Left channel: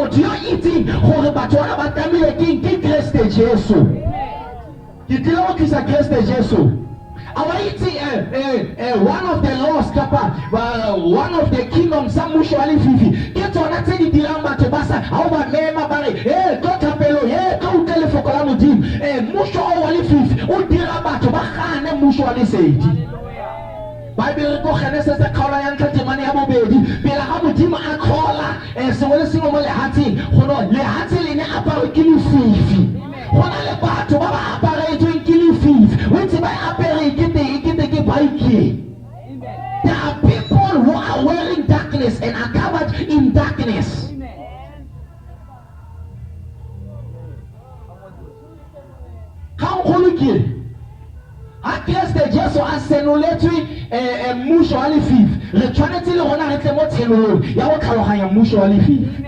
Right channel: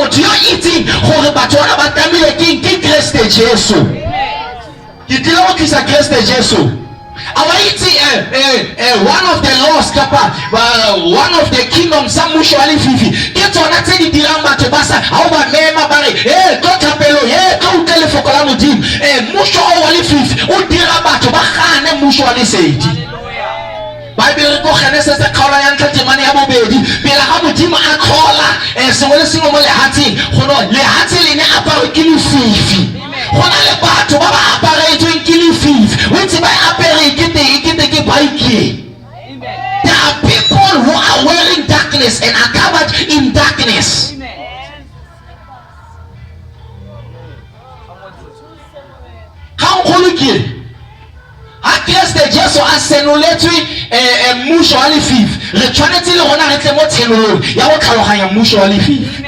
motho yo itseng gore batho bona ba tamile ke Kriste Jesu ke tlile go tlisa Kriste Jesu one of the laws one of the kingdoms sa mutually fifi ke tsona tse di dirang batho ba sa ha ba mema ba re go thapelo ka utlele foko la modimo mutually fifi o dira batho ba gane mutually sedi Bible go Genesis the khaola ya ntla temane ya bobedi pele ga modimo a kgola sengwe le sengwe mo lehatsheng go no lehatshe le ne apare ke lefifi go na le batho ba ba aparetsweng ke lefifi o ntse ba apere ke baiki. There are people who are wearing darkness and are covered in darkness. How quality? I guess the Jesu asenoletswe mutually fifi. Le tshwanetse le rona re tle mo tshenolong ya go tlhaloganya mutually fifi.